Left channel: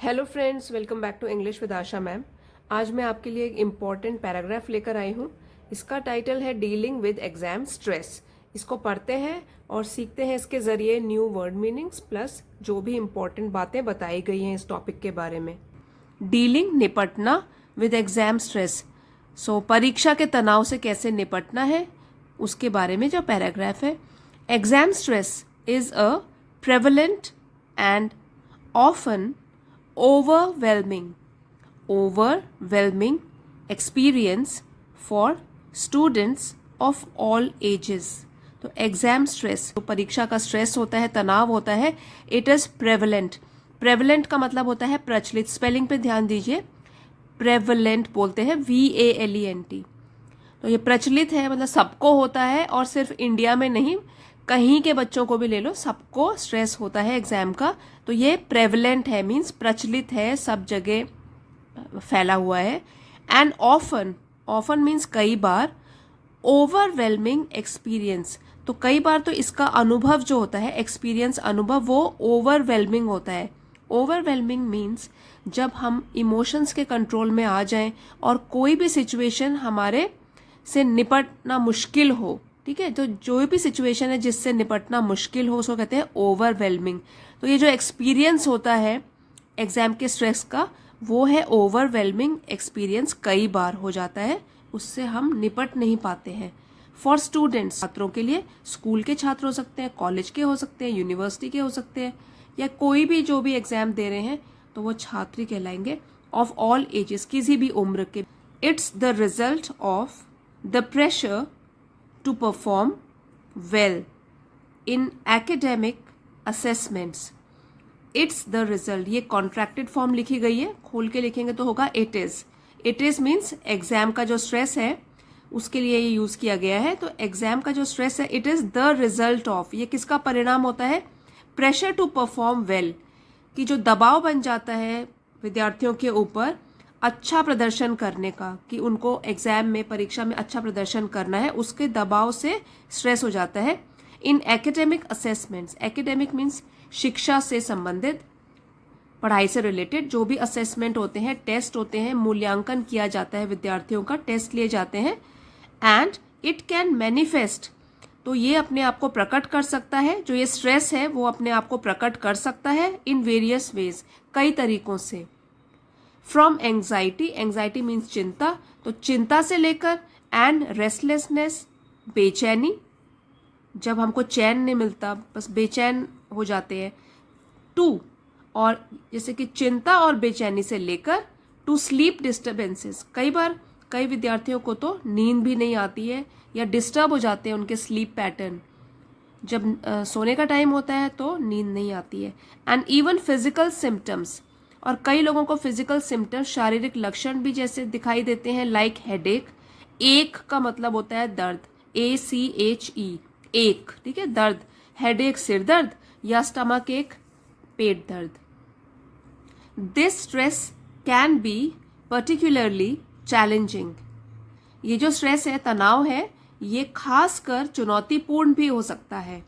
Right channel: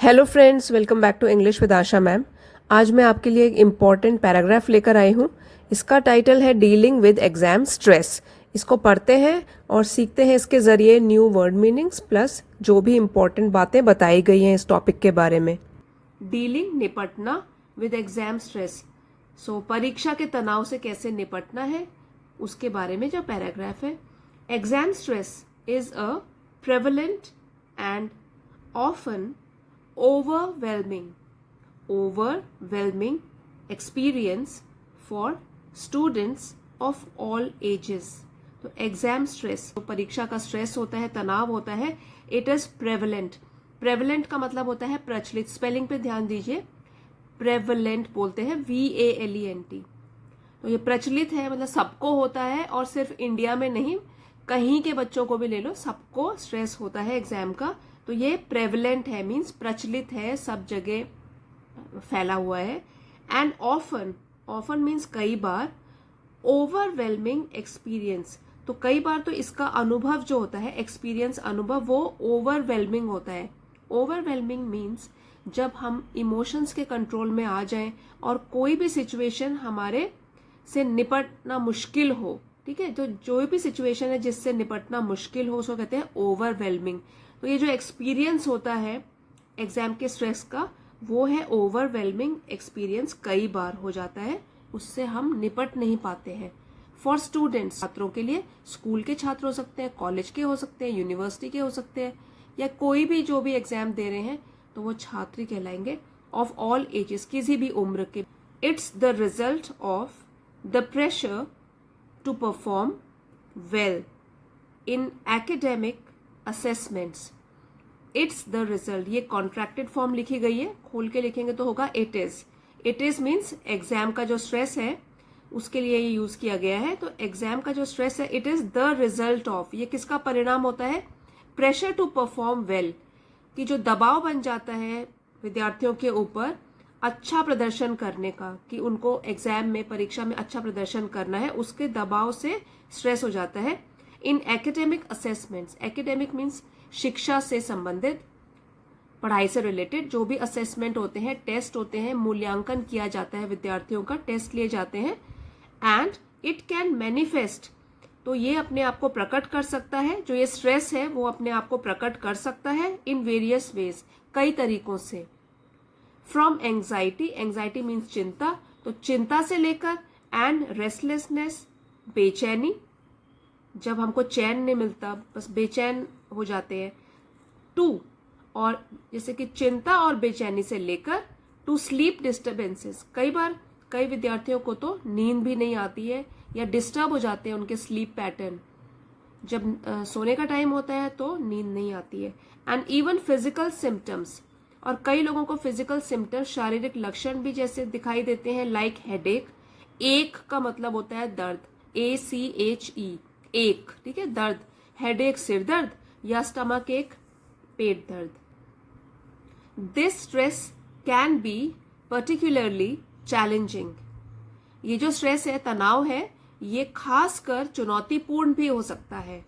Hello friends, welcome back to English with Asha ma'am. आज मैं आपके लिए एक इम्पॉर्टेंट पैराग्राफ लेकर आई हूँ। इसका टाइटल है डीलिंग विद एग्जाम स्ट्रेस। इसको पढ़ते हैं और सीखते हैं इसके ज़रिए न्यू वर्ड मीनिंग्स प्लस जो भी इम्पॉर्टेंट बातें बताई गई हैं इस टॉपिक के बारे में। डीलिंग, निपटना विद एग्जाम स्ट्रेस। सो परीक्षा के तनाव से कैसे निपटना है उसके बारे में जो पैराग्राफ है। Exam stress is a prevalent and often overwhelming experience for students of all ages। तो एग्जाम स्ट्रेस, तो परीक्षा का स्ट्रेस होता है, तनाव होता है, इट इज प्रेवलेंट। प्रेवलेंट का मतलब होता है प्रचलित। स्पेलिंग पे ध्यान दीजिए, प्रेवलेंट बोलते हैं VALENT। तो ये प्रचलित है, मतलब सबको होता है, और सिर्फ इंडिया में नहीं, कहीं के बच्चों को भी ले लो, सबको स्ट्रेस होता है एग्जाम का। तो ये प्रेवलेंट है, मीन्स प्रचलित है, सब जगह फैला हुआ है। एंड ऑफन, ऑफन मीन्स कई बार। ओवरवेलमिंग एक्सपीरियंस, तो कई बार तो इसका अनुभव जो होता है, एक्सपीरियंस, अनुभव, वो ओवरवेलमिंग होता है। ओवरवेलमिंग मीन्स जब हम इमोशंस के कंट्रोल में आ जाएं और कोई भी सिचुएशन हमारे से निपटना मुश्किल हो, ठीक है, तो जो भी सिचुएशन है जिससे निपटना मुश्किल हो उसको कहते हैं ओवरवेलमिंग। तो ये जो एक्सपीरियंस होता है एग्जाम के स्ट्रेस का, वो है ओवरवेलमिंग एक्सपीरियंस, कई बार हो जाता है, उससे हम निपट नहीं पाते हैं। फॉर स्टूडेंट्स, छात्रों के लिए, स्कूल के छात्र हो सकते हैं, कॉलेज के हो सकते हैं, यूनिवर्सिटी के हो सकते हैं, या कोई भी जो भी एग्जाम दे रहे हैं तो वो छात्र कहलाएंगे। ऑफ ऑल एजेस, किसी भी उम्र के। It's the result of the pressure to perform well in academic assessments। It's the result, ये कॉन्ट्रैक्टेड फॉर्म लिखी गई है, खोल के लिखेंगे तो होगा it is. It is means exam का जो स्ट्रेस है उसके लिए ये यूज किया गया है। तो एग्जाम का जो स्ट्रेस है, it is the result of, ये किसका परिणाम होता है? प्रेशर टू परफॉर्म वेल, कि जो दबाव बन जाता है विद्यार्थियों के ऊपर अच्छा प्रदर्शन करने का, कि उनको एग्जाम में, परीक्षा में अच्छा प्रदर्शन करना है, उसके दबाव से स्ट्रेस हो जाता है। इन एकेडमिक असेसमेंट्स, एकेडमिक मीन्स शिक्षा से संबंधित, पढ़ाई से रिलेटेड जो भी असेसमेंट होते हैं, टेस्ट होते हैं, मूल्यांकन किया जाता है विद्यार्थियों का, टेस्ट लिए जाते हैं। एंड इट कैन मैनिफेस्ट, तो ये अपने आप को प्रकट कर सकता है, जो ये स्ट्रेस है वो अपने आप को प्रकट कर सकता है इन वेरियस वेज, कई तरीकों से। फ्रॉम एंग्जाइटी, एंग्जाइटी मीन्स चिंता, तो चिंता से लेकर, एंड रेस्टलेसनेस, बेचैनी, जब हमको चैन नहीं मिलता, बस बेचैन हो जाते हैं, टू, और जैसे कि चिंता और बेचैनी से लेकर, टू स्लीप डिस्टर्बेंसेस, कई बार कई विद्यार्थियों को तो नींद भी नहीं आती है या डिस्टर्ब हो जाते हैं उनके स्लीप पैटर्न, जब सोने का टाइम होता है तो नींद नहीं आती है। एंड इवन फिजिकल सिम्टम्स, और कई लोगों को फिजिकल सिम्टम्स, शारीरिक लक्षण भी जैसे दिखाई देते हैं, लाइक हेडेक। एक का मतलब होता है दर्द, ACHE, एक, ठीक है, दर्द, हेडेक सिर दर्द, या स्टमक एक, पेट दर्द। This stress can be particularly challenging, ये जो स्ट्रेस है, तनाव है, ये खासकर चुनौतीपूर्ण भी हो सकता है,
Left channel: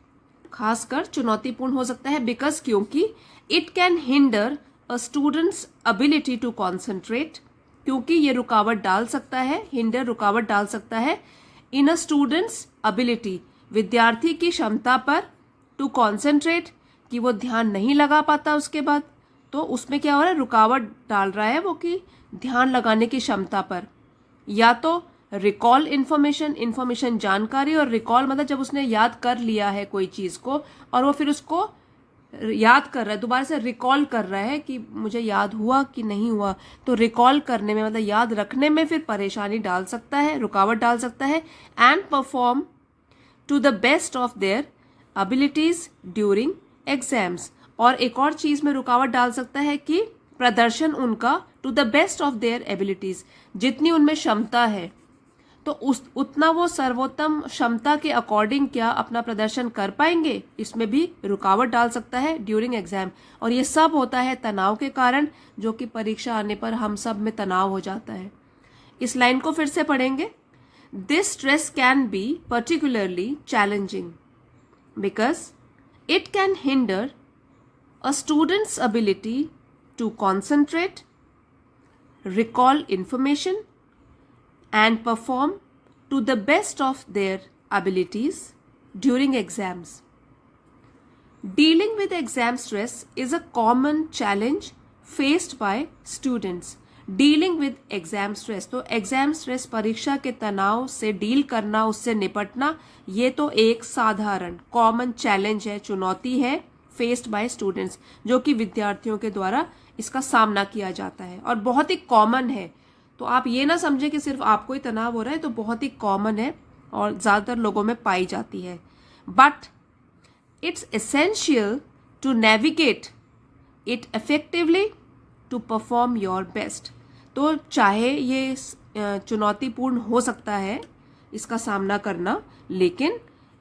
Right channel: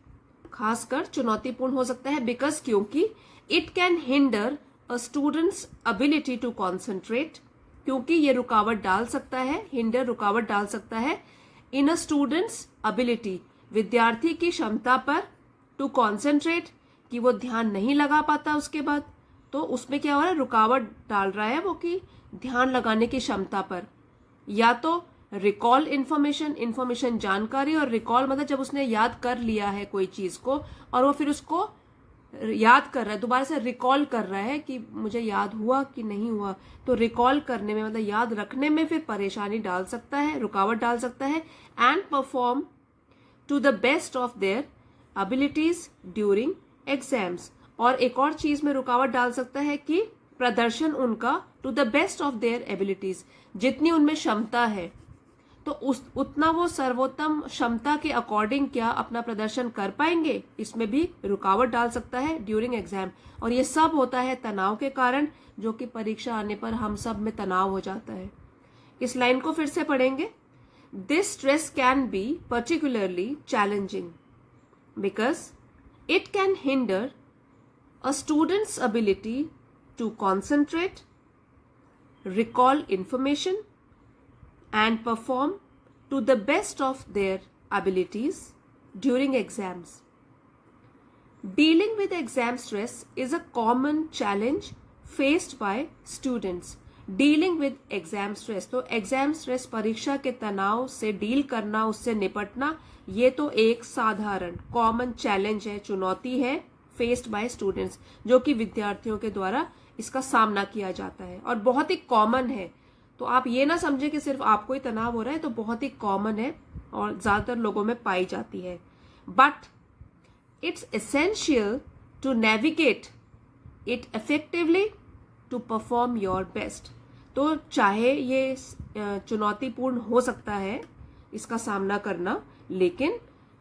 खासकर चुनौतीपूर्ण हो सकता है, बिकॉज, क्योंकि it can hinder a student's ability to concentrate, क्योंकि ये रुकावट डाल सकता है, हिंडर रुकावट डाल सकता है, इन अ स्टूडेंट्स एबिलिटी, विद्यार्थी की क्षमता पर, टू कॉन्सेंट्रेट, कि वो ध्यान नहीं लगा पाता उसके बाद, तो उसमें क्या हो रहा है, रुकावट डाल रहा है वो, कि ध्यान लगाने की क्षमता पर। या तो रिकॉल इन्फॉर्मेशन, इन्फॉर्मेशन जानकारी, और रिकॉल मतलब जब उसने याद कर लिया है कोई चीज को और वो फिर उसको याद कर रहा है, दोबारा से रिकॉल कर रहा है कि मुझे याद हुआ कि नहीं हुआ, तो रिकॉल करने में, मतलब याद रखने में फिर परेशानी डाल सकता है, रुकावट डाल सकता है। And perform to the best of their abilities during exams, और एक और चीज में रुकावट डाल सकता है कि प्रदर्शन उनका, to the best of their abilities, जितनी उनमें क्षमता है तो उतना वो सर्वोत्तम क्षमता के अकॉर्डिंग क्या अपना प्रदर्शन कर पाएंगे, इसमें भी रुकावट डाल सकता है ड्यूरिंग एग्जाम। और ये सब होता है तनाव के कारण, जो कि परीक्षा आने पर हम सब में तनाव हो जाता है। इस लाइन को फिर से पढ़ेंगे। This stress can be particularly challenging because it can hinder a student's ability to concentrate, recall information, and perform to the best of their abilities during exams. Dealing with exam stress is a common challenge faced by students. Dealing with exam stress, तो exam stress परीक्षा के तनाव से deal करना, उससे निपटना, ये तो एक साधारण कॉमन चैलेंज है, चुनौती है फेस्ड बाय स्टूडेंट्स, जो कि विद्यार्थियों के द्वारा इसका सामना किया जाता है और बहुत ही कॉमन है। तो आप ये ना समझे कि सिर्फ आपको ही तनाव हो रहा है, तो बहुत ही कॉमन है और ज्यादातर लोगों में पाई जाती है। But it's essential to navigate it effectively to perform your best. तो चाहे ये चुनौतीपूर्ण हो सकता है इसका सामना करना, लेकिन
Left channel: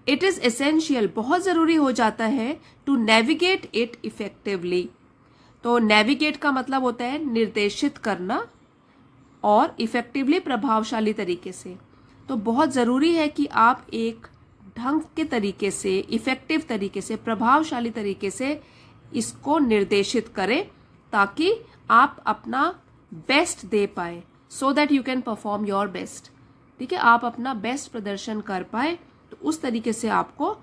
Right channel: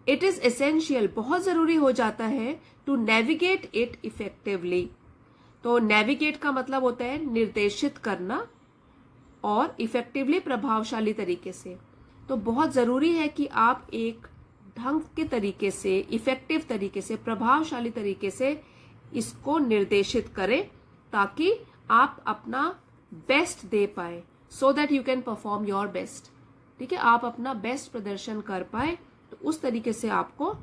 इट इज एसेंशियल, बहुत जरूरी हो जाता है टू नेविगेट इट इफेक्टिवली। तो नेविगेट का मतलब होता है निर्देशित करना और इफेक्टिवली प्रभावशाली तरीके से। तो बहुत जरूरी है कि आप एक ढंग के तरीके से, इफेक्टिव तरीके से, प्रभावशाली तरीके से इसको निर्देशित करें ताकि आप अपना बेस्ट दे पाए, so that you can perform your best. ठीक है, आप अपना बेस्ट प्रदर्शन कर पाए, तो उस तरीके से आपको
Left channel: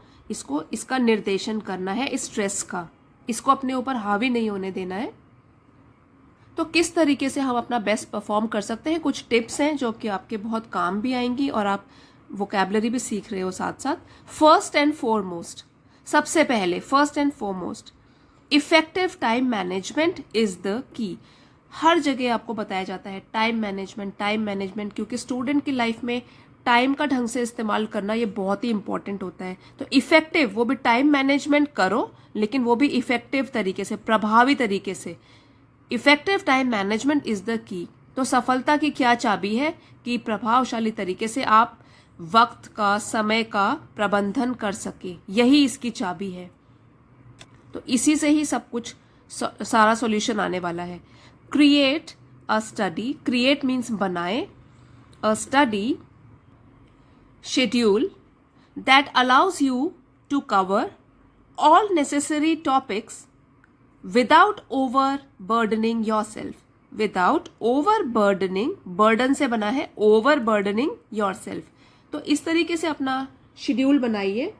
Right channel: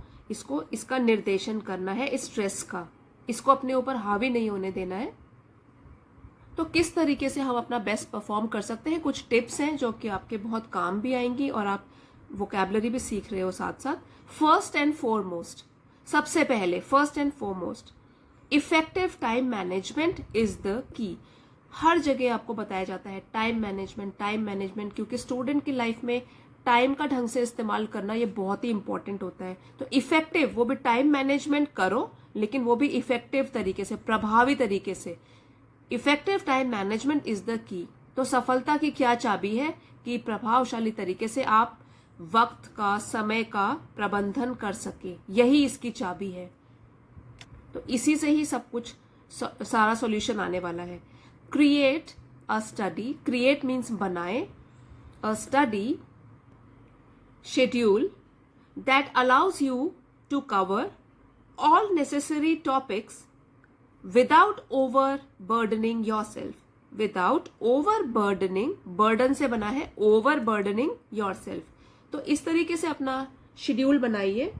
इसका निर्देशन करना है, इस स्ट्रेस का, इसको अपने ऊपर हावी नहीं होने देना है। तो किस तरीके से हम अपना बेस्ट परफॉर्म कर सकते हैं, कुछ टिप्स हैं जो कि आपके बहुत काम भी आएंगी और आप वोकैबुलरी भी सीख रहे हो साथ साथ। फर्स्ट एंड फॉरमोस्ट, सबसे पहले first and foremost, effective time management is the key. हर जगह आपको बताया जाता है टाइम मैनेजमेंट, क्योंकि स्टूडेंट की लाइफ में टाइम का ढंग से इस्तेमाल करना ये बहुत ही इंपॉर्टेंट होता है। तो इफेक्टिव, वो भी टाइम मैनेजमेंट करो, लेकिन वो भी इफेक्टिव तरीके से, प्रभावी तरीके से। Effective time management is the की। तो सफलता की क्या चाबी है कि प्रभावशाली तरीके से आप वक्त का, समय का प्रबंधन कर सके, यही इसकी चाबी है। तो इसी से ही सब कुछ, सारा सॉल्यूशन आने वाला है। Create a study, create means बनाए, a study schedule that allows you to cover all necessary topics without over burdening yourself, without over burdening, burden से बना है ओवर बर्डनिंग योरसेल्फ। तो इस तरीके से अपना शेड्यूल बनाइए,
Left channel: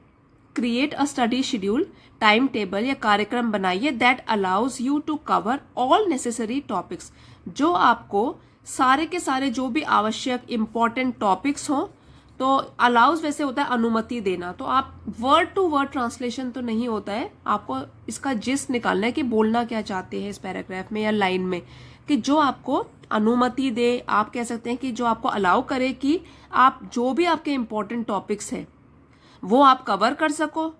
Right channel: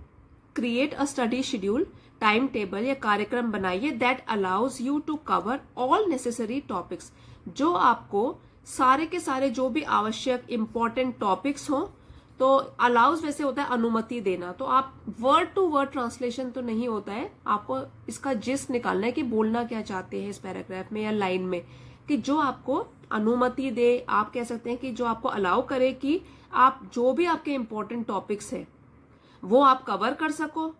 create a study schedule, time table या कार्यक्रम बनाइए that allows you to cover all necessary topics, जो आपको सारे के सारे जो भी आवश्यक इंपॉर्टेंट टॉपिक्स हो। तो अलाउज वैसे होता है अनुमति देना, तो आप वर्ड टू वर्ड ट्रांसलेशन तो नहीं होता है, आपको इसका जिस्ट निकालना है कि बोलना क्या चाहते हैं इस पैराग्राफ में या लाइन में, कि जो आपको अनुमति दे, आप कह सकते हैं कि जो आपको अलाउ करे कि आप जो भी आपके इंपॉर्टेंट टॉपिक्स है वो आप कवर कर सको,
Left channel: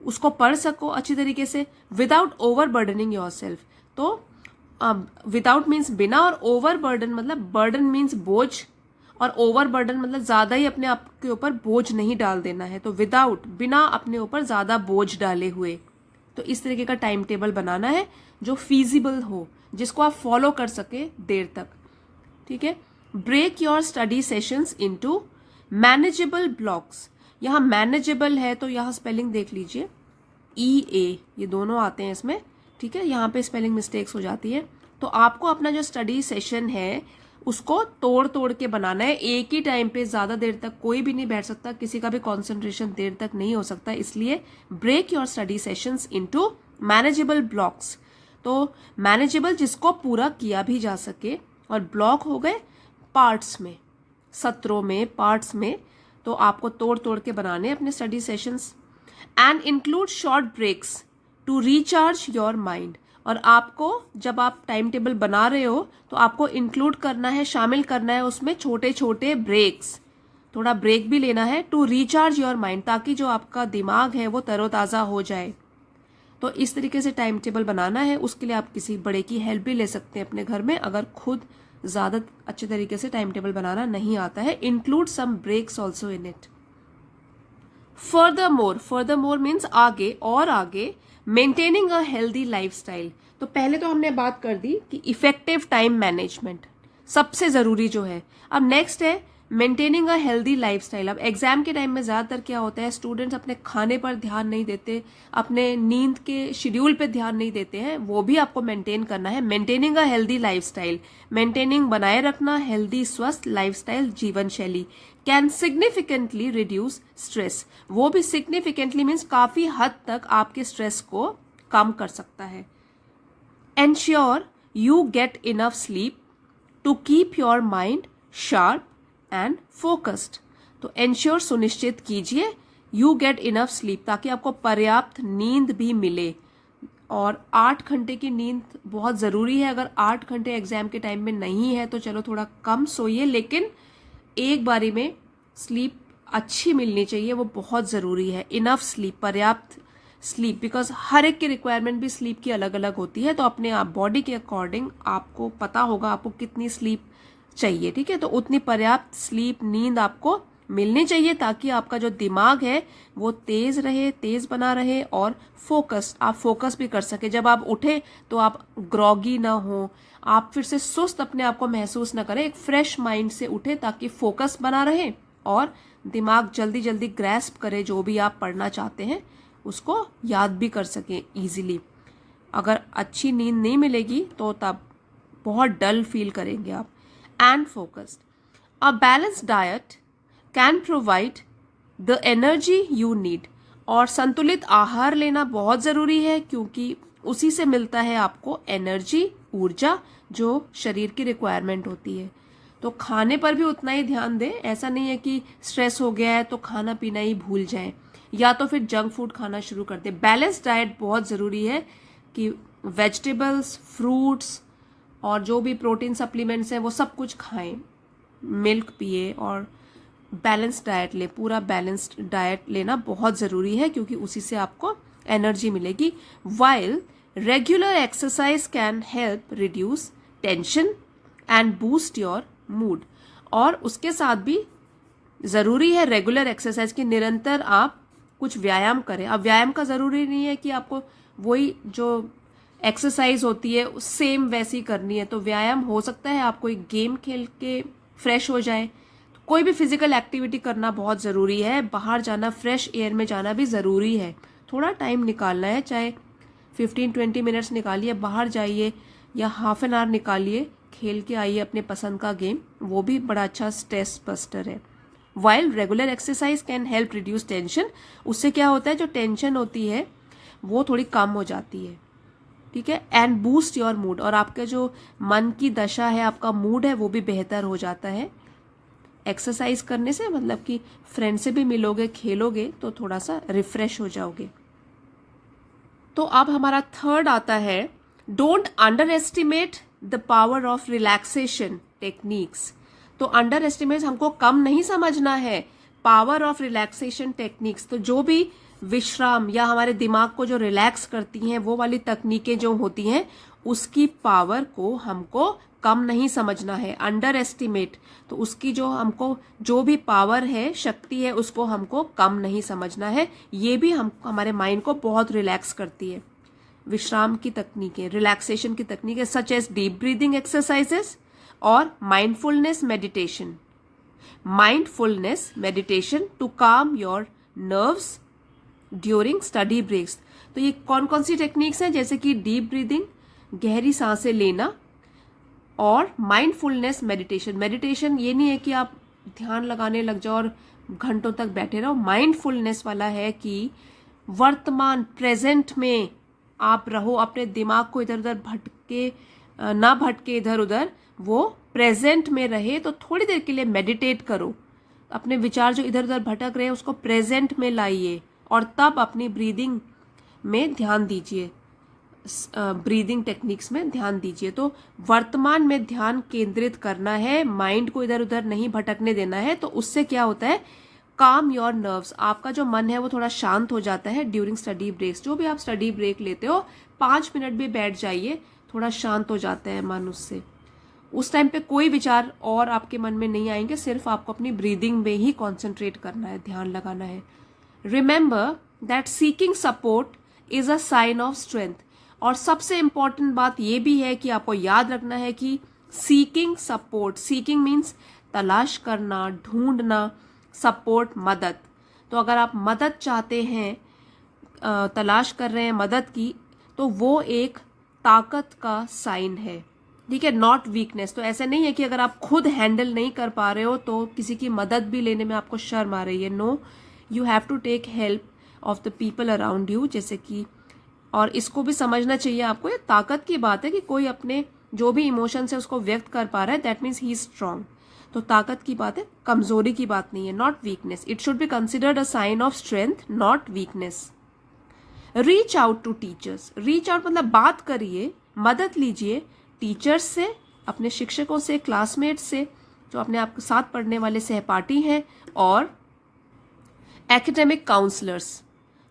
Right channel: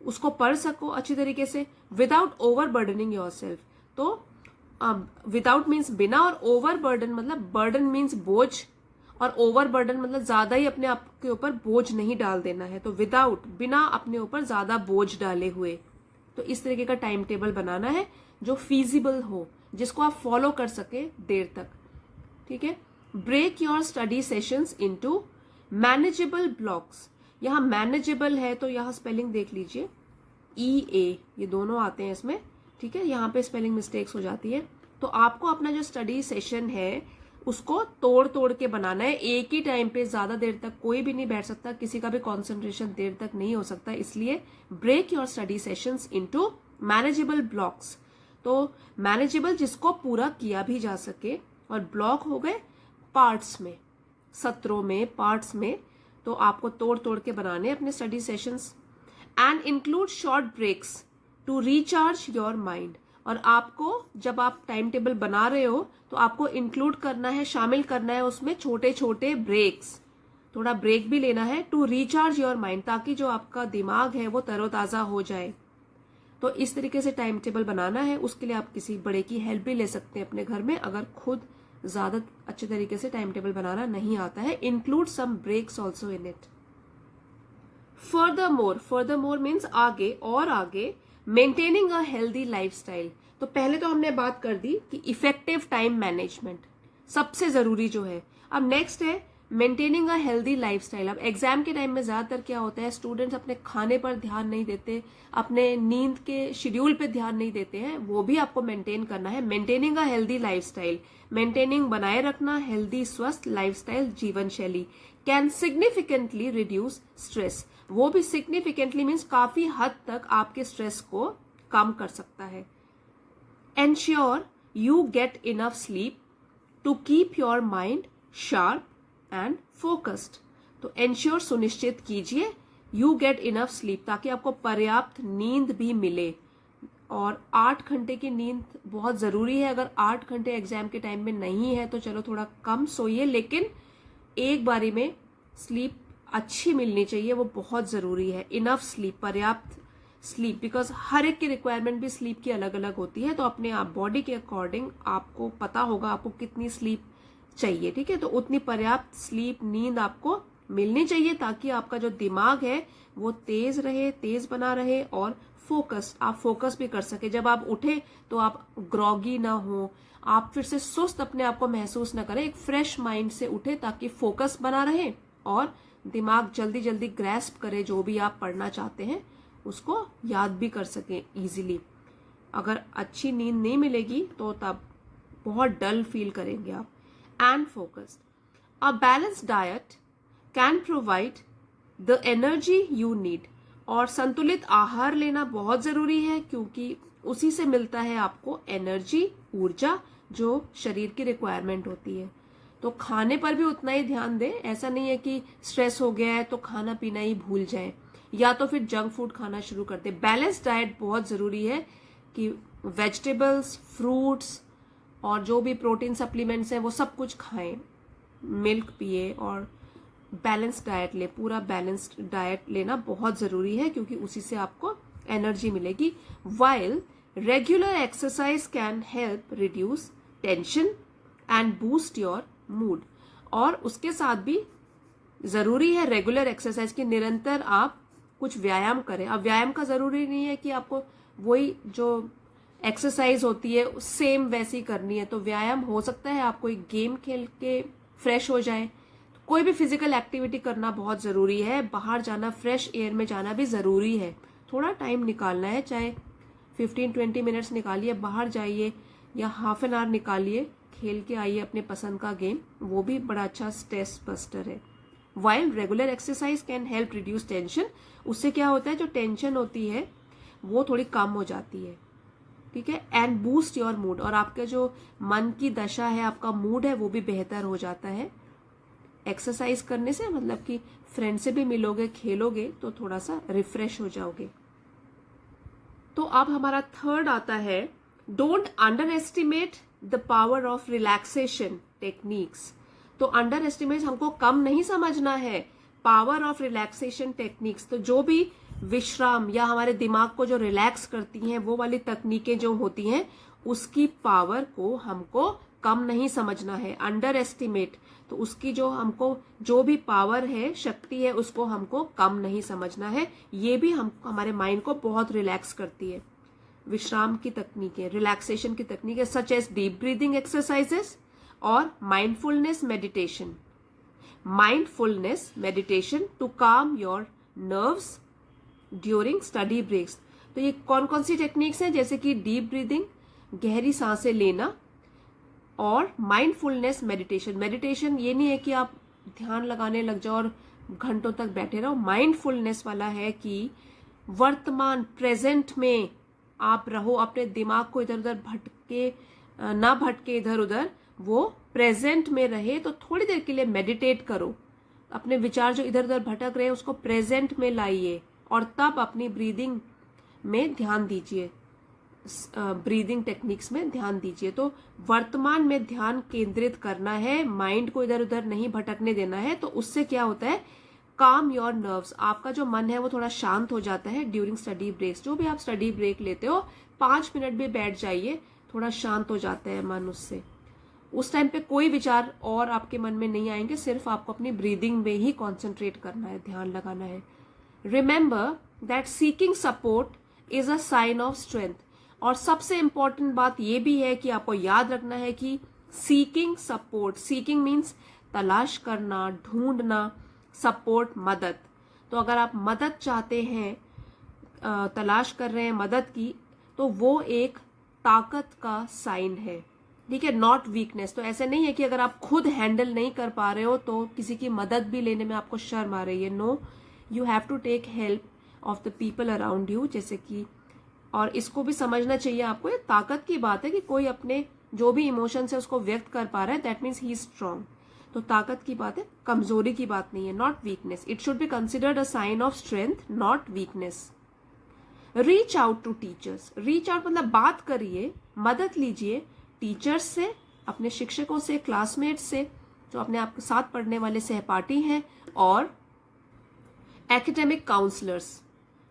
उसको पढ़ सको अच्छी तरीके से, विदाउट ओवर बर्डनिंग योरसेल्फ। तो विदाउट मीन्स बिना, और ओवर बर्डन मतलब बर्डन मीन्स बोझ, और ओवर बर्डन मतलब ज्यादा ही अपने आप के ऊपर बोझ नहीं डाल देना है। तो विदाउट, बिना अपने ऊपर ज्यादा बोझ डाले हुए। तो इस तरीके का टाइम टेबल बनाना है जो फीजिबल हो, जिसको आप फॉलो कर सके देर तक। ठीक है, break your study sessions into manageable blocks. यहाँ मैनेजेबल है तो यहाँ स्पेलिंग देख लीजिए, EA, ये दोनों आते हैं इसमें। ठीक है, यहाँ पे स्पेलिंग मिस्टेक्स हो जाती है। तो आपको अपना जो स्टडी सेशन है उसको तोड़ तोड़ के बनाना है, एक ही टाइम पे ज्यादा देर तक कोई भी नहीं बैठ सकता, किसी का भी कॉन्सेंट्रेशन देर तक नहीं हो सकता। इसलिए break your study sessions into manageable blocks. तो मैनेजेबल जिसको पूरा किया भी जा सके, और ब्लॉक हो गए पार्ट्स में, सत्रों में, पार्ट्स में। तो आपको तोड़ तोड़ के बनाने अपने study sessions. And include short breaks to recharge your mind. और आपको जब आप टाइम टेबल बना रहे हो तो आपको इंक्लूड करना है, शामिल करना है उसमें छोटे छोटे ब्रेक्स, थोड़ा ब्रेक भी लेना है, टू रिचार्ज योर माइंड, ताकि जो आपका दिमाग है वो तरोताजा हो जाए। तो इस तरीके से टाइम टेबल बनाना है। उसके लिए आप किसी बड़े की हेल्प भी ले सकते हैं अपने घर में, अगर खुद ज्यादा अच्छे तरीके से टाइम टेबल बनाना नहीं आता है। Include some breaks also in it. Furthermore means आगे और आगे, मेंटेनिंग अ हेल्दी लाइफस्टाइल। तो पहले तो हमने बात कर दी कि इफेक्टिव टाइम मैनेजमेंट सबसे जरूरी जो है। अब नेक्स्ट है मेंटेनिंग अ हेल्दी लाइफस्टाइल। अब एग्जाम के टाइम में ज्यादातर क्या होता है, स्टूडेंट्स अपने खाने पर ध्यान नहीं देते, अपने नींद के शेड्यूल पे ध्यान नहीं देते हैं, वो भी आपको मेंटेन करना है। Maintaining a healthy lifestyle, maintaining बनाए रखना हेल्दी स्वस्थ लाइफस्टाइल जीवन शैली कैन सिग्निफिकेंटली रिड्यूस स्ट्रेस। वो भी सिग्निफिकेंटली मीन्स काफी हद तक आपके स्ट्रेस को कम कर सकता है। Ensure you get enough sleep to keep your mind sharp and focused. तो एंश्योर सुनिश्चित कीजिए, यू गेट इनफ स्लीप, ताकि आपको पर्याप्त नींद भी मिले। और 8 घंटे की नींद बहुत जरूरी है। अगर 8 घंटे एग्जाम के टाइम में नहीं है तो चलो थोड़ा कम सोइए, लेकिन एक बारी में स्लीप अच्छी मिलनी चाहिए, वो बहुत जरूरी है। इनफ स्लीप, पर्याप्त स्लीप, बिकॉज हर एक की रिक्वायरमेंट भी स्लीप की अलग अलग होती है। तो अपने आप बॉडी के अकॉर्डिंग आपको पता होगा आपको कितनी स्लीप चाहिए, ठीक है। तो उतनी पर्याप्त स्लीप, नींद आपको मिलनी चाहिए, ताकि आपका जो दिमाग है वो तेज रहे, तेज बना रहे और फोकस्ड, आप फोकस भी कर सके। जब आप उठे तो आप ग्रॉगी ना हो, आप फिर से सुस्त अपने आप को महसूस ना करें, एक फ्रेश माइंड से उठे ताकि फोकस बना रहे और दिमाग जल्दी जल्दी ग्रैस्प करे, जो भी आप पढ़ना चाहते हैं उसको याद भी कर सके इजीली। अगर अच्छी नींद नहीं मिलेगी तो तब बहुत डल फील करेंगे आप। And focused, a balanced diet can provide the energy you need. और संतुलित आहार लेना बहुत जरूरी है, क्योंकि उसी से मिलता है आपको एनर्जी, ऊर्जा, जो शरीर की रिक्वायरमेंट होती है। तो खाने पर भी उतना ही ध्यान दें। ऐसा नहीं है कि स्ट्रेस हो गया है तो खाना पीना ही भूल जाए, या तो फिर जंक फूड खाना शुरू कर दे। बैलेंस डाइट बहुत जरूरी है कि वेजिटेबल्स, फ्रूट्स और जो भी प्रोटीन सप्लीमेंट्स हैं वो सब कुछ खाएं, मिल्क पिए और बैलेंस डाइट ले। पूरा बैलेंस्ड डाइट लेना बहुत जरूरी है, क्योंकि उसी से आपको एनर्जी मिलेगी। While regular exercise can help reduce tension and boost your mood. और उसके साथ भी जरूरी है रेगुलर एक्सरसाइज की, निरंतर आप कुछ व्यायाम करें। अब व्यायाम का जरूरी नहीं है कि आपको वही जो एक्सरसाइज होती है सेम वैसी करनी है। तो व्यायाम हो सकता है आप कोई गेम खेल के फ्रेश हो जाए। तो कोई भी फिजिकल एक्टिविटी करना बहुत जरूरी है। बाहर जाना, फ्रेश एयर में जाना भी जरूरी है। थोड़ा टाइम निकालना है, चाहे 15-20 मिनट्स निकालिए, बाहर जाइए, या हाफ एन आवर निकालिए, खेल के आइए अपने पसंद का गेम, वो भी बड़ा अच्छा स्ट्रेस बस्टर है। While regular exercise can help reduce tension, उससे क्या होता है जो टेंशन होती है वो थोड़ी कम हो जाती है, ठीक है। एंड बूस्ट योर मूड, और आपका जो मन की दशा है, आपका मूड है, वो भी बेहतर हो जाता है एक्सरसाइज करने से। मतलब कि फ्रेंड से भी मिलोगे, खेलोगे तो थोड़ा सा रिफ्रेश हो जाओगे। तो अब हमारा थर्ड आता है, don't under estimate the power of relaxation techniques. तो अंडर एस्टिमेट हमको कम नहीं समझना है, पावर ऑफ रिलैक्सेशन टेक्निक्स। तो जो भी विश्राम या हमारे दिमाग को जो रिलैक्स करती हैं वो वाली तकनीकें जो होती हैं, उसकी पावर को हमको कम नहीं समझना है, अंडर एस्टिमेट। तो उसकी जो हमको जो भी पावर है, शक्ति है, उसको हमको कम नहीं समझना है। ये भी हम हमारे माइंड को बहुत रिलैक्स करती है। विश्राम की तकनीकें, रिलैक्सेशन की तकनीकें such as deep breathing exercises और mindfulness meditation. Mindfulness meditation to calm your nerves during study breaks. तो ये कौन कौन सी टेक्निक्स हैं, जैसे कि डीप ब्रीदिंग, गहरी सांसें लेना, और माइंडफुलनेस मेडिटेशन। मेडिटेशन ये नहीं है कि आप ध्यान लगाने लग जाओ और घंटों तक बैठे रहो। माइंडफुलनेस वाला है कि वर्तमान प्रेजेंट में आप रहो, अपने दिमाग को इधर उधर ना भटके इधर उधर, वो प्रेजेंट में रहे। तो थोड़ी देर के लिए मेडिटेट करो, अपने विचार जो इधर उधर भटक रहे हैं उसको प्रेजेंट में लाइए, और तब अपनी ब्रीदिंग में ध्यान दीजिए, ब्रीदिंग टेक्निक्स में ध्यान दीजिए। तो वर्तमान में ध्यान केंद्रित करना है, माइंड को इधर उधर नहीं भटकने देना है। तो उससे क्या होता है, काम योर नर्व्स, आपका जो मन है वो थोड़ा शांत हो जाता है ड्यूरिंग स्टडी ब्रेक्स। जो भी आप स्टडी ब्रेक लेते हो, 5 मिनट भी बैठ जाइए, थोड़ा शांत हो जाता है मन उससे। उस टाइम पे कोई विचार और आपके मन में नहीं आएंगे, सिर्फ आपको अपनी ब्रीदिंग में ही कॉन्सेंट्रेट करना है, ध्यान लगाना है। Remember that seeking support is a sign of strength. और सबसे इंपॉर्टेंट बात यह भी है कि आपको याद रखना है कि सीकिंग सपोर्ट, सीकिंग मीन्स तलाश करना, ढूंढना, सपोर्ट, मदद। तो अगर आप मदद चाहते हैं, तलाश कर रहे हैं मदद की, तो वो एक ताकत का साइन है, ठीक है, नॉट वीकनेस। तो ऐसा नहीं है कि अगर आप खुद हैंडल नहीं कर पा रहे हो तो किसी की मदद भी लेने में आपको शर्म आ रही है। No, you have to take help of the people around you, जैसे कि, और इसको भी समझना चाहिए आपको, ये ताकत की बात है कि कोई अपने जो भी इमोशंस है उसको व्यक्त कर पा रहा है, that means he is strong. तो ताकत की बात है, कमजोरी की बात नहीं है, not weakness. It should be considered a sign of strength, not weakness. Reach out to teachers. Reach out मतलब बात करिए, मदद लीजिए टीचर्स से, अपने शिक्षकों से, क्लासमेट्स से, जो अपने आपके साथ पढ़ने वाले सहपाठी हैं, और एकेडमिक काउंसलर्स।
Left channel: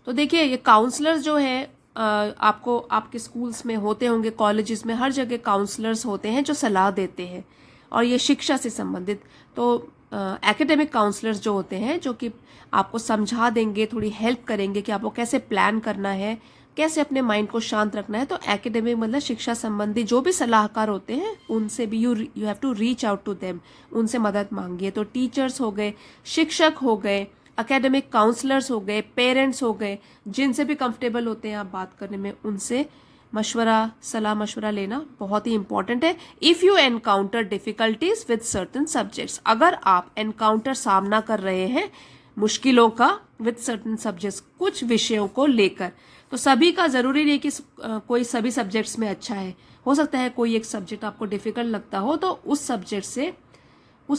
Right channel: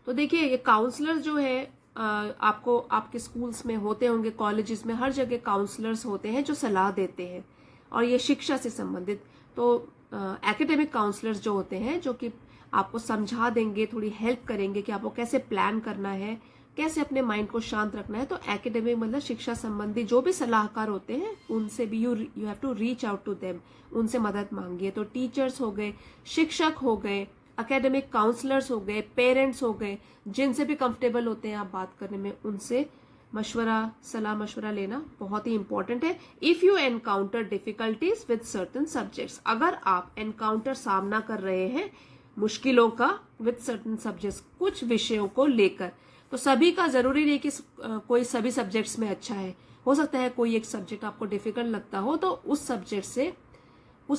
तो देखिए, ये काउंसलर्स जो है आपको आपके स्कूल्स में होते होंगे, कॉलेजेस में, हर जगह काउंसलर्स होते हैं जो सलाह देते हैं, और ये शिक्षा से संबंधित। तो एकेडमिक काउंसलर्स जो होते हैं, जो कि आपको समझा देंगे, थोड़ी हेल्प करेंगे कि आपको कैसे प्लान करना है, कैसे अपने माइंड को शांत रखना है। तो एकेडमिक मतलब शिक्षा संबंधी जो भी सलाहकार होते हैं, उनसे भी you have to reach out to them, उनसे मदद मांगिए। तो टीचर्स हो गए, शिक्षक हो गए, एकेडमिक काउंसलर्स हो गए, पेरेंट्स हो गए, जिनसे भी कंफर्टेबल होते हैं आप बात करने में, उनसे मशवरा, सलाह मशवरा लेना बहुत ही इंपॉर्टेंट है। If you encounter difficulties with certain subjects, अगर आप एनकाउंटर, सामना कर रहे हैं मुश्किलों का, विद सर्टन सब्जेक्ट्स, कुछ विषयों को लेकर, तो सभी का जरूरी नहीं कि कोई सभी सब्जेक्ट्स में अच्छा है, हो सकता है कोई एक सब्जेक्ट आपको डिफिकल्ट लगता हो, तो उस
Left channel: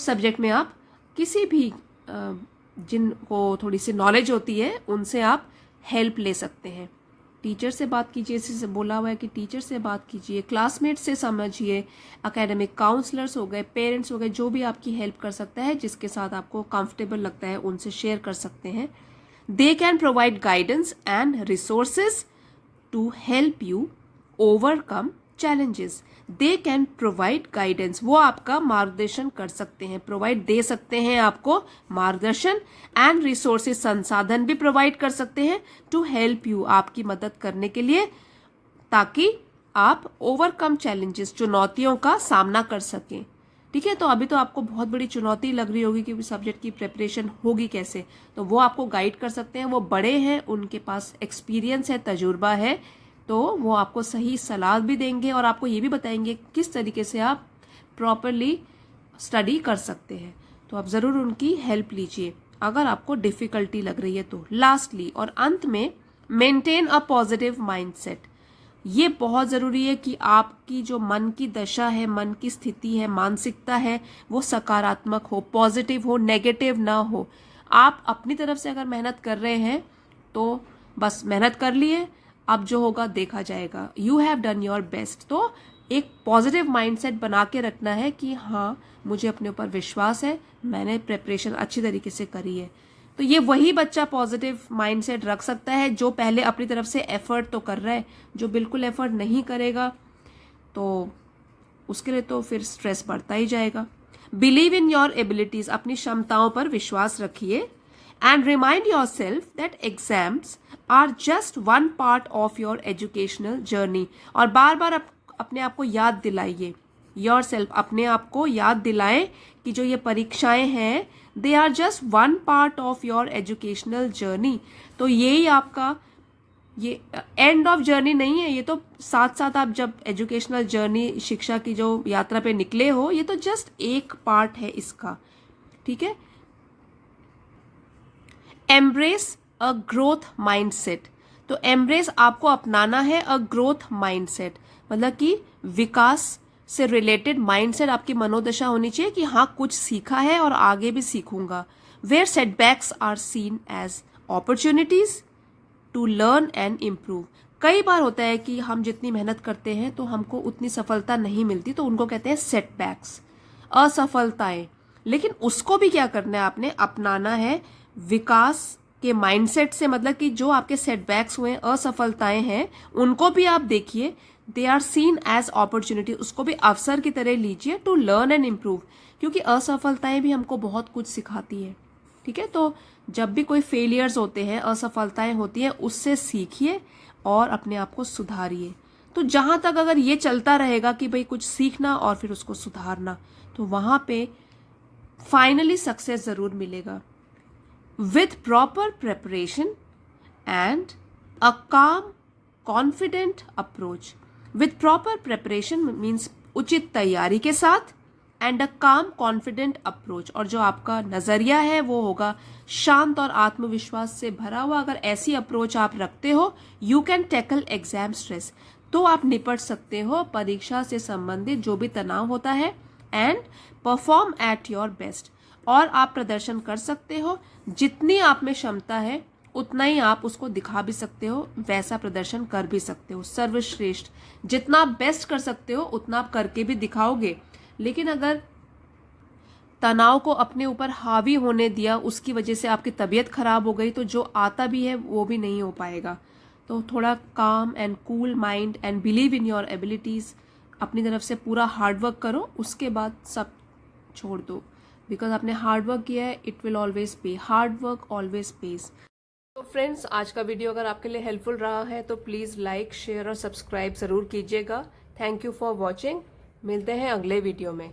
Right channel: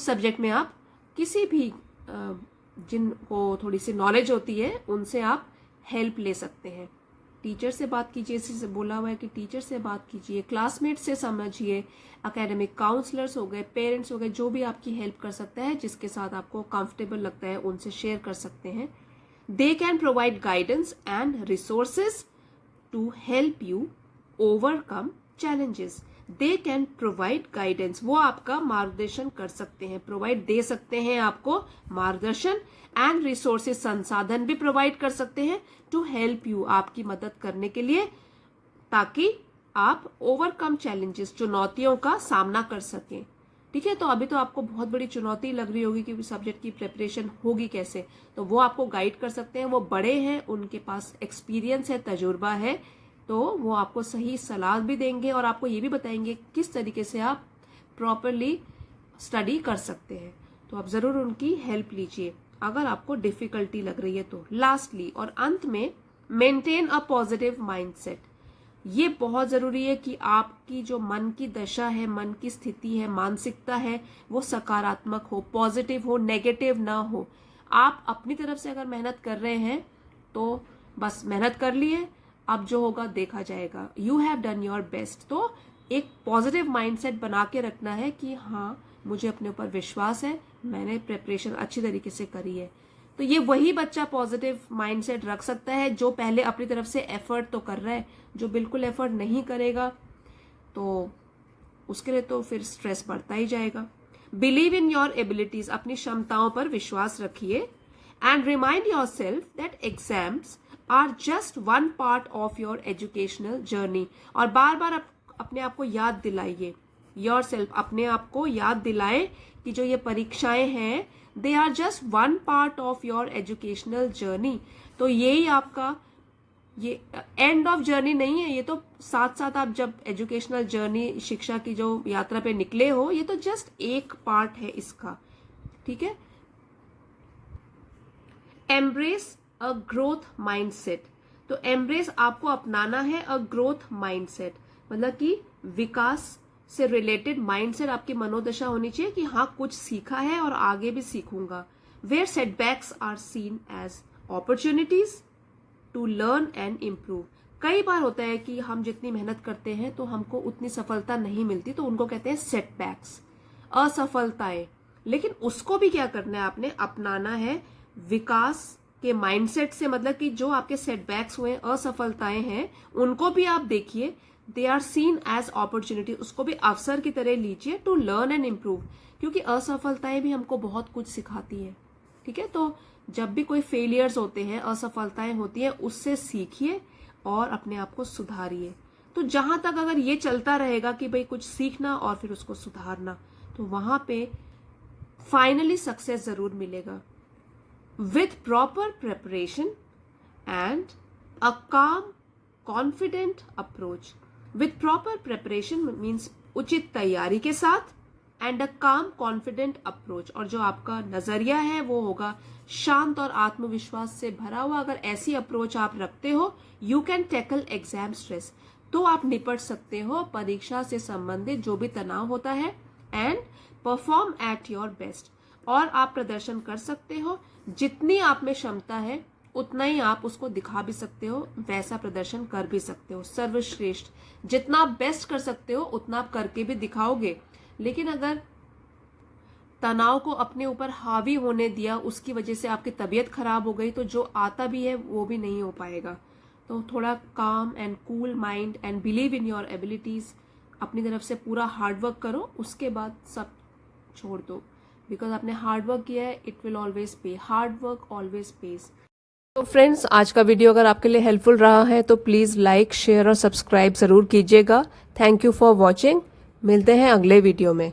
सब्जेक्ट में आप किसी भी जिनको थोड़ी सी नॉलेज होती है, उनसे आप हेल्प ले सकते हैं। टीचर से बात कीजिए, जैसे बोला हुआ है कि टीचर से बात कीजिए, क्लासमेट से समझिए, एकेडमिक काउंसलर्स हो गए, पेरेंट्स हो गए, जो भी आपकी हेल्प कर सकता है, जिसके साथ आपको कंफर्टेबल लगता है, उनसे शेयर कर सकते हैं। They can provide guidance and resources to help you overcome challenges. They can provide guidance, वो आपका मार्गदर्शन कर सकते हैं, प्रोवाइड दे सकते हैं आपको मार्गदर्शन, एंड रिसोर्सेज, संसाधन भी प्रोवाइड कर सकते हैं, टू हेल्प यू, आपकी मदद करने के लिए, ताकि आप ओवरकम चैलेंजेस, चुनौतियों का सामना कर सकें। ठीक है, तो अभी तो आपको बहुत बड़ी चुनौती लग रही होगी कि सब्जेक्ट की प्रिपरेशन होगी कैसे, तो वो आपको गाइड कर सकते हैं। वो बड़े हैं, उनके पास एक्सपीरियंस है, तजुर्बा है, तो वो आपको सही सलाह भी देंगे और आपको ये भी बताएंगे किस तरीके से आप प्रॉपरली स्टडी कर सकते हैं। तो आप ज़रूर उनकी हेल्प लीजिए अगर आपको डिफ़िकल्टी लग रही है तो। लास्टली और अंत में, मेंटेन अ पॉजिटिव माइंडसेट। ये बहुत ज़रूरी है कि आपकी जो मन की दशा है, मन की स्थिति है, मानसिकता है, वो सकारात्मक हो, पॉजिटिव हो, नेगेटिव ना हो। आप अपनी तरफ से अगर मेहनत कर रहे हैं तो बस मेहनत कर लिए, अब जो होगा देखा जाएगा, you have done your best. तो एक पॉजिटिव माइंडसेट बना के रखना है कि हाँ, मुझे अपने ऊपर विश्वास है, मैंने प्रिपरेशन अच्छी तरीके से करी है। तो ये वही बच्चा पॉजिटिव माइंडसेट रख सकता है जो पहले अपनी तरफ से एफर्ट तो कर रहा है। जो बिल्कुल एफर्ट नहीं करेगा तो उसके लिए तो फिर स्ट्रेस बढ़ता ही जाएगा। बिलीव इन योर एबिलिटीज, अपनी क्षमताओं पर विश्वास रखिए। And remind yourself that exams are just one part of your educational journey. और बार बार अपने आप को याद दिलाइए, योर सेल्फ, अपने आप को याद दिलाएं कि जो ये परीक्षाएं हैं, they are just one part of your educational journey. तो यही आपका, ये एंड ऑफ जर्नी नहीं है, ये तो साथ साथ आप जब एजुकेशनल जर्नी, शिक्षा की जो यात्रा पे निकले हो, ये तो जस्ट एक पार्ट है इसका। ठीक है। Embrace a growth mindset. तो एम्ब्रेस, आपको अपनाना है अ ग्रोथ माइंडसेट, मतलब कि विकास से रिलेटेड माइंडसेट, आपकी मनोदशा होनी चाहिए कि हाँ, कुछ सीखा है और आगे भी सीखूंगा। Where setbacks are seen as opportunities to learn and improve. कई बार होता है कि हम जितनी मेहनत करते हैं तो हमको उतनी सफलता नहीं मिलती, तो उनको कहते हैं सेटबैक्स, असफलताएं। लेकिन उसको भी क्या करना है, आपने अपनाना है विकास के माइंडसेट से, मतलब कि जो आपके सेटबैक्स हुए, असफलताएं हैं, उनको भी आप देखिए, they are seen as opportunity, उसको भी अवसर की तरह लीजिए, टू लर्न एंड इम्प्रूव, क्योंकि असफलताएं भी हमको बहुत कुछ सिखाती है। ठीक है, तो जब भी कोई फेलियर्स होते हैं, असफलताएं होती हैं, उससे सीखिए और अपने आप को सुधारिए। तो जहां तक अगर ये चलता रहेगा कि भाई कुछ सीखना और फिर उसको सुधारना, तो वहां पे फाइनली सक्सेस जरूर मिलेगा। With proper preparation and a calm confident approach. With proper preparation means उचित तैयारी के साथ, and a calm confident approach, और जो आपका नजरिया है वो होगा शांत और आत्मविश्वास से भरा हुआ। अगर ऐसी अप्रोच आप रखते हो, you can tackle exam stress, तो आप निपट सकते हो परीक्षा से संबंधित जो भी तनाव होता है, and perform at your best, और आप प्रदर्शन कर सकते हो। जितनी आप में क्षमता है उतना ही आप उसको दिखा भी सकते हो, वैसा प्रदर्शन कर भी सकते हो। सर्वश्रेष्ठ, जितना आप बेस्ट कर सकते हो उतना आप करके भी दिखाओगे। लेकिन अगर तनाव को अपने ऊपर हावी होने दिया, उसकी वजह से आपकी तबीयत खराब हो गई, तो जो आता भी है वो भी नहीं हो पाएगा। तो थोड़ा काम and cool mind and believe in your abilities, अपनी तरफ से पूरा हार्डवर्क करो, उसके बाद सब छोड़ दो। बिकॉज आपने हार्डवर्क किया है, इट विल ऑलवेज पे, हार्डवर्क ऑलवेज पेज। तो फ्रेंड्स, आज का वीडियो अगर आपके लिए हेल्पफुल रहा है तो प्लीज़ लाइक, शेयर और सब्सक्राइब ज़रूर कीजिएगा। Thank you for watching. मिलते हैं अगले वीडियो में।